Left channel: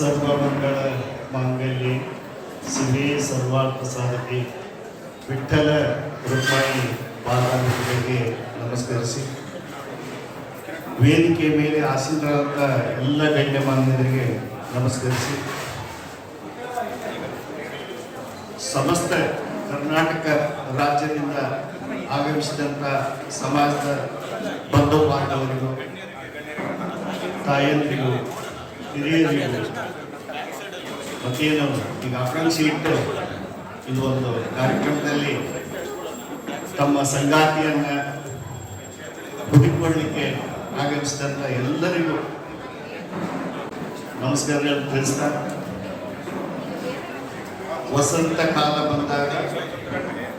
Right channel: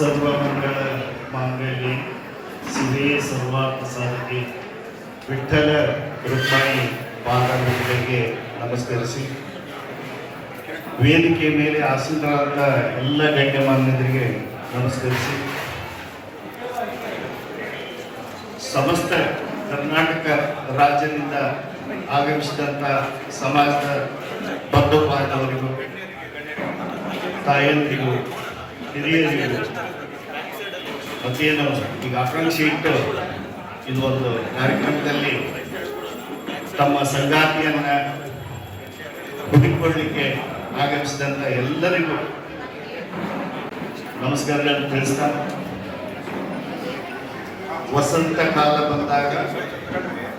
ಸರ್ವಮಂಗಳ ಮಾಂಗಲ್ಯ ಶಿವೇ ಸರ್ವಾಪ್ರಸಾದಕ್ಕೆ ವಿಠಲ ರುಕ್ಮಾಯಿ ಬಾಲಗಳಿಗೆ ನಮಸ್ಕರಿಸಿ. ವೇದಿಕೆ ಮೇಲೆ ಆಸೀನರಾದ ಎಲ್ಲ ಗಣ್ಯಮಾನ್ಯರಿಗೆ ನಮಸ್ಕರಿಸಿ. ಸಮಸ್ತ ಕರ್ನಾಟಕ ರಾಜ್ಯದಿಂದ ಆಗಮಿಸಿದಂಥ ಸಮಾಜದ ಬದ್ಧ ಪಾಠವರಿಗೂ ತಾಯಂದಿಗೂ ಹಿರಿಯರಿಗೂ ಮತ್ತೇನು ಈಗ ಆಕಾಂಕ್ಷೆ ಇಟ್ಟು ಇದು ಒಂದು ಕಾರ್ಯಕ್ರಮದಲ್ಲಿ ತಮ್ಮ ಸಂಗಾತಿಯನ್ನ ಹುಡುಕಿಕೊಳ್ಳಿಕ್ಕೆ ಆಗಮಿಸಿದಂಥ ಎಲ್ಲರಿಗೂ ನಮಸ್ಕಾರಗಳನ್ನು ತಿಳಿಸ್ತಾ ವಸಂತ ಕಾಲ ಬಂದಾಗ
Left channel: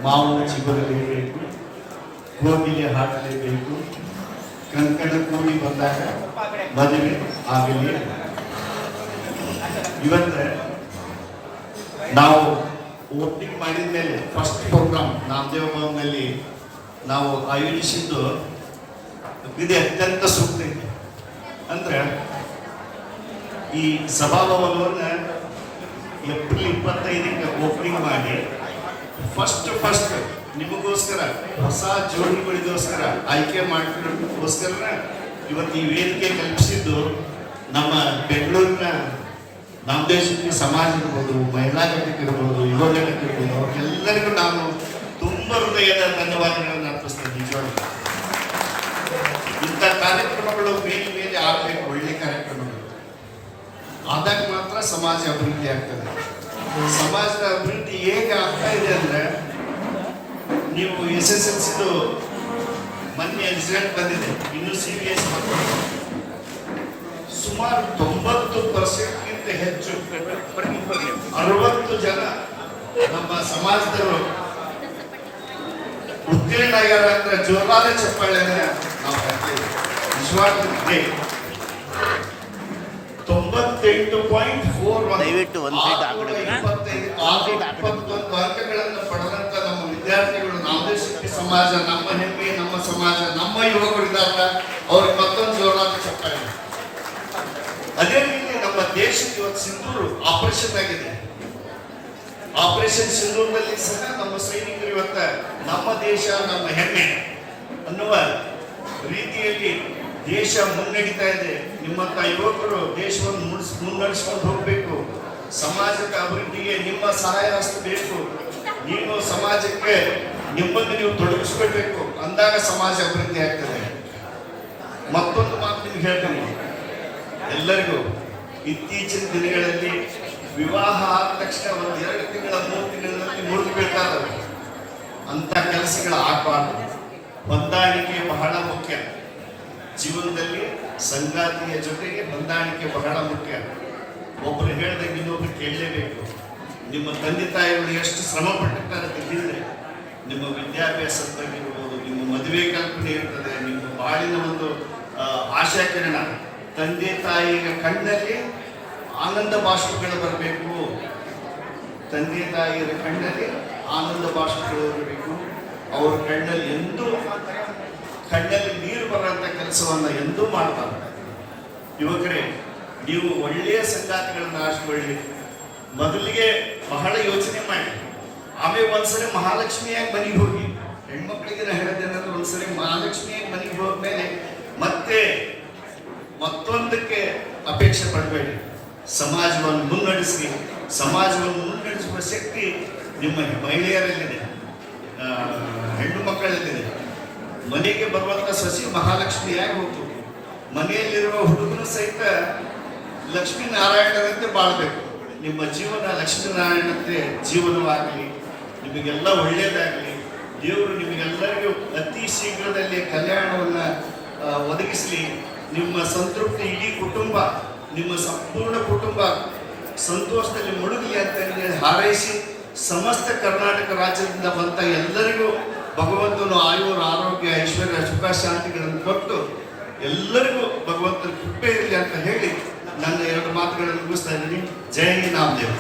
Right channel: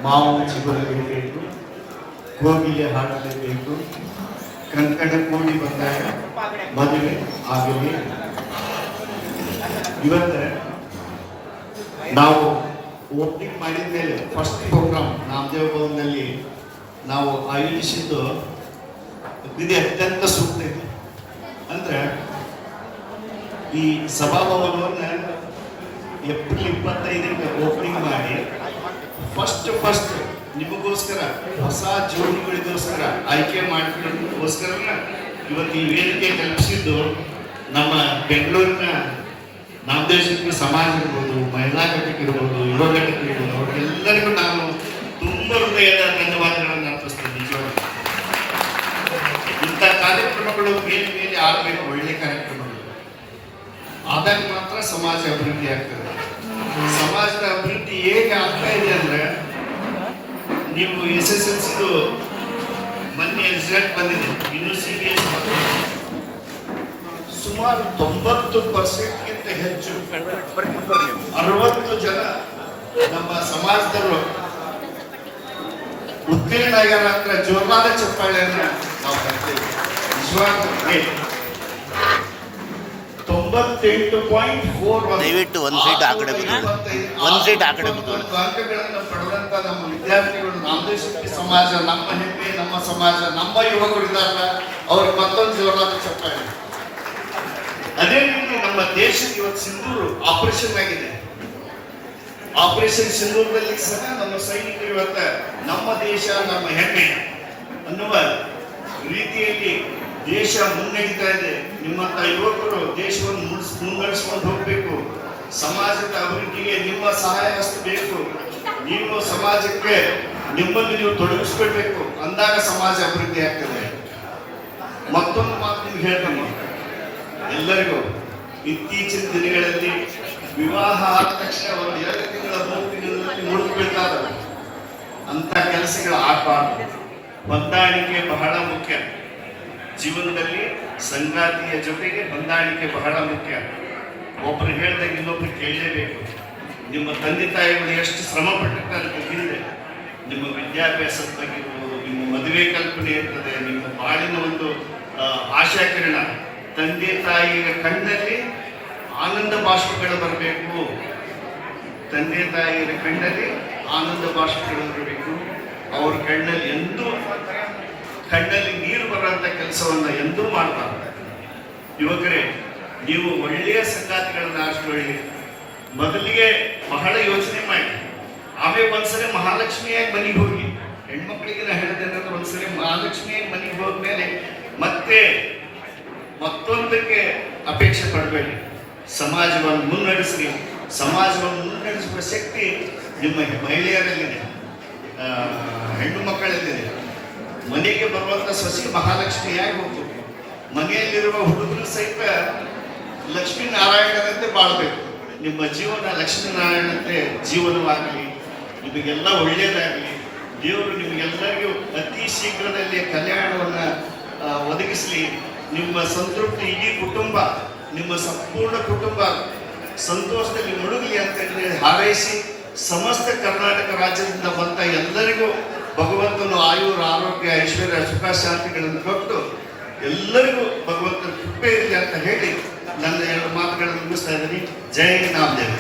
ಮಾವು ಚಿಗುರಲೇಬೇಕು ಕೋಗಿಲೆ ಹಾಕಲೇಬೇಕು ಕಂಕಣ ಕೋಡಿ ಬಂದಾಗ ಮದುವೆ ಆಗಲಿ. ಇವತ್ತ ನಾವು ಓಪನಿಂಗ್ ಮಾಡಿದ ಮೇಲೆ ಫಸ್ಟ್ ಪ್ರೋಗ್ರಾಮ್ ನಾಮದೇವ ಭವನದಲ್ಲಿ ನಾವು ಆಯೋಜಿಸಿದ್ದು ಇದೆ ಅತ್ಯಂತ ಸೂಕ್ತ ಇದೆ. ಅಂದ್ರೆ ಈ ಸಭಾಭವನವನ್ನು ಏಪ್ರಿಲ್ ಇಪ್ಪತ್ತೈದಕ್ಕೆ ಓಪನಿಂಗ್ ಮಾಡಿ ಫಸ್ಟ್ ಫಸ್ಟ್ ನಿಮಗೋಸ್ಕರ ಹೊಸ ಜೋಡಿಗಳಿಗೋಸ್ಕರ ಆಯ್ಕೆ ಮಾಡಿಕೊಳ್ಳೋದಕ್ಕೋಸ್ಕರ ಇವತ್ತು ಈ ವೇದಿಕೆ ಕಲ್ಪಿಸಿದ್ದು ನಮ್ಮ ಬೆಂಗಳೂರಿನ ನಾಮದೇವ ದೇಶಕ್ಕೆ ಸಮಾಜ ಇರ್ಬೋದು, ಮಹಿಳಾ ಘಟಕ ಇರ್ಬೋದು, ಯುವ ಘಟಕ ಇರ್ಬೋದು, ಅವ್ರಿಗೆಲ್ಲರಿಗೂ ನಾನು ತುಂಬ ಹೃದಯದ ಧನ್ಯವಾದಗಳನ್ನು ಅರ್ಪಿಸ್ತೇನೆ ನಿಜವಾಗಿ ಇಂಥ ಕಾರ್ಯಕ್ರಮಗಳು ಮೇಲೆ ಮೇಲೆ ಆಗಬೇಕು, ಒಳ್ಳೆ ಕಾರ್ಯಕ್ರಮಗಳು. ಆದಾಗ ಮಾತ್ರ ಸಮಾಜ ಅಭಿವೃದ್ಧಿ ಆಗ್ತದೆ. ಸಮಾಜದ ಅಭಿವೃದ್ಧಿ ಹೇಗೆ ಆಗ್ತಾ ಇದೆ ಅಂದ್ರೆ, ನೀವು ಎಸ್ ಎಸ್ ಎಲ್ ಸಿದು ಮೊನ್ನೆ ರಿಸಲ್ಟ್ ಬಂದಿದೆ, ಇನ್ನು ಸಿ ಬಿ ಎಸ್ ಸುಮಾರು ತೊಂಬತ್ತು ಪರ್ಸೆಂಟ್ಗಿಂತ ಹೆಚ್ಚು ಅರವತ್ತು ಜನ ನಮ್ಮ ಸಮಾಜದವರು ಉತ್ತೀರ್ಣ ಆಗ್ಯಾರ ಅಂದ್ರೆ ಜೋರಾದ ಚಪ್ಪಾಳೆಯನ್ನ ನಾವು ಹಾಕ್ತೇವೆ ತೊಂಬತ್ತೆಂಟು ಪಾಯಿಂಟ್ ಫೋರ್ ದಯವಿಟ್ಟು ಒಂದ್ ಸೀಟ್ ಆ ಕಡೆ ಬಿಡಿ. ಒಂದ್ ಸೀಟ್ ಆ ಕಡೆ ಅಂಕಗಳನ್ನು ಪಡೆದಂತ ನಮ್ಮ ವಿದ್ಯಾರ್ಥಿಗಳು ಶಕ್ತಿ ಸಮಾಜ ನಮ್ಮ ಹೆಮ್ಮೆ ನಮ್ಮ ಸಮಾಜ ನಮ್ಮ ಯುವಕರು ಇದ್ದಾರಲ್ಲ ಅವ್ರಿಗೆ ಮತ್ತೊಂದು ಜೋರಾದ ಚಪ್ಪಾಳೆ. ಅದೇ ರೀತಿ ನಮ್ಮ ದೇಶಕ್ಕೆ ಇವತ್ತು ಸಿಂಧೂರು ಆಪರೇಷನ್ ಆಗಿದೆ. ಆಪರೇಷನ್ ಸಿಂಧೂರದಲ್ಲಿ ಸಹ ನಮ್ಮ ಸೈನಿಕರು ಇವತ್ತ ನಮ್ಮ ದೇಶ, ನಮ್ಮ ಹೆಮ್ಮೆ ಅನ್ನುವ ರೀತಿಯಲ್ಲಿ ದೇಶ ಮುನ್ನಡೀತಾ ಇದೆ. ನಿಮ್ಮಂತ ಯುವಕರು ದೇಶವನ್ನು ಮುನ್ನಡೆಸ್ಕೊಂಡು ಹೋಗಬೇಕು. ಸಮಾಜದ ಅಭಿವೃದ್ಧಿಗೆ ನಿಮ್ಮ ಸಹಾಯ ಹಸ್ತ ಬೇಕು ನೀವು ಸಮಾಜಕ್ಕೆ ನಿಮ್ಮನ್ನು ನೀವು ತೊಡಗಿಸ್ಕೊಳ್ಬೇಕು. ಅಂದಾಗ ಸಮಾಜ ಅಭಿವೃದ್ಧಿ ಆಗ್ತದೆ. ಮತ್ತೊಂದು ಮಾತು ನಿಮ್ಗೆ ಹೇಳ್ತೇನೆ. ಎಲ್ಲರಿಗೂ ಇತ್ತೀಚಿನ ದಿನಗಳಲ್ಲಿ ವಿವಾಹ ಆದ ತಕ್ಷಣ ಒಂದು ಎರಡು ತಿಂಗಳ, ಮೂರು ತಿಂಗಳಲ್ಲಿ ಮುರಿದು ಬೀಳ್ತಾ ಅಂತ ಕೆಲಸಗಳು ಆಗಬಾರ್ದು. ಹೊಂದಾಣಿಕೆ ಬಹಳ ಮುಖ್ಯ. ಜೀವನದಲ್ಲಿ ಸಂಗಾತಿಯ ಜೊತೆಗೆ ಹೊಂದಾಣಿಕೆ ಬಹಳ ಮುಖ್ಯ. ಒಬ್ಬರು ಹೇಳ್ದಂಗೆ ಇನ್ನೊಬ್ರು ಕೇಳಲೇಬೇಕು. ನಿಮ್ಮ ತಂದೆ ತಾಯಿಗಳು ಎಷ್ಟು ಶ್ರಮ ಪಟ್ಟಿರ್ತಾರೆ ತಿಳಿದಿದೆ ನಿಮ್ಮ ವಿದ್ಯಾಭ್ಯಾಸದ ಬಗ್ಗೆ ನಿಮ್ಮ ಮದುವೆ ಕಲ್ಪನೆ ಇರ್ತದೆ, ನಿಮ್ಮ ಬಾಳಿನ ಒಂದು ಆಶಾಕಿರಣ. ತಂದೆ ತಾಯಿಯ ಕಣ್ಣಲ್ಲಿ ಆನಂದ ಭಾಷೆಗಳು ಬರಬೇಕು. ತಂದೆ ತಾಯಿಯ ಕಣ್ಣಲ್ಲಿ ಆನಂದ ಭಾಷೆಗಳು ಬರಬೇಕು. ಅವ್ರ ಕಣ್ಣಲ್ಲಿ ಎಂದೂ ಕಣ್ಣಲ್ಲಿ ನೀರು ಬರುವಂತ ಕೆಲಸವನ್ನ ಎಂದೂ ಮಾಡ್ತಾರೆ ಯುವಕರೇ, ನೀವು ಒಳ್ಳೆಯ ಸಂಗಾತಿಗಳನ್ನ ಆರಿಸ್ಕೊಳ್ಳಿ. ಮೊದಲಿಗೆ ಬಹಳ ಯೋಚನೆ ಮಾಡಿ. ಆಮೇಲೆ ಒಂದ್ಸರಿ ಮಹಾಲಕ್ಷ್ಮಿಯಾಗಿ ಮನೆಗೆ ಹೋಗಿ. ಹೆಣ್ಮಕ್ಳಿಗೆಲ್ಲ ಹೇಳಿದ್ರೆ ಒಂದ್ಸರಿ ಮಹಾಲಕ್ಷ್ಮಿಯಾಗಿ ಮನೆಗೆ ಹೋದ್ಮೇಲೆ ಮತ್ತೆ ಮತ್ತೊಂದಕ್ಕೆ ಅಪೇಕ್ಷೆ ಪಡಬೇಡಿ. ಸಮಾಜವನ್ನು ಮುನ್ನಡೆಸಿ ಸಮಾಜವನ್ನು ಮುನ್ನಡೆಸುವ ಶಕ್ತಿ ನಿಮ್ಮ ಮಹಿಳೆಯರಲ್ಲಿದೆ. ಹೆಣ್ಣು ಮಕ್ಕಳಲ್ಲಿದೆ. ಮನೆಗೆ ಬರುವಂತ ಸಸಿ ಮಹಾಲಕ್ಷ್ಮಿಯಾಗಿ ಹೋಗ್ತು ಮನೆಯಲ್ಲಿರುವ ಹುಡುಗನ ಸಹಿತ ಲಕ್ಷ್ಮೀನಾರಾಯಣರಂತೆ ಬಾಳಬೇಕು. ನಿಮ್ಮ ಜೀವನ ಲಕ್ಷ್ಮೀನಾರಾಯಣಂತೆ ಜೀವನವಾಗಲಿ. ನಿಮಗೆಲ್ಲ ಒಳ್ಳೆಯದಾಗಲಿ ದೇವರು ನಿಮಗೆಲ್ಲರಿಗೂ ಅತಿ ಶೀಘ್ರದಲ್ಲಿ ಕಲ್ಯಾಣವನ್ನು ಒದಗಿಸಲಿ. ನಿಮ್ಮ ಸಂತೃಪ್ತಿ ಇಡೀ ಕುಟುಂಬ, ನಿಮ್ಮ ಸಂಪೂರ್ಣ ಕುಟುಂಬ ಸಂತೋಷದಲ್ಲಿ ಮುಳುಗಿ ಅಂತ ಹೇಳಿ ಹಾರೈಸಿ ಸಮಸ್ತ ಕರ್ನಾಟಕ ರಾಜ್ಯದಿಂದ ಬಂದ ಎಲ್ಲರಿಗೂ ಭಗವಂತನು ಆಯುರ್, ಆರೋಗ್ಯ, ಐಶ್ವರ್ಯ, ಸುಖ ಶಾಂತಿಗಳನ್ನು ಕೊಟ್ಟು ಎಲ್ಲರಿಗೂ ಭಗವಂತನ ಕೃಪೆ ಇರಲಿ ಅಂತ ಹೇಳಿ ನನ್ನ ಎರಡು ಮಾತುಗಳನ್ನು ಮುಗಿಸ್ತಾ ಇದ್ದೀನಿ. ಜೈ ನಾಮದೇವ್.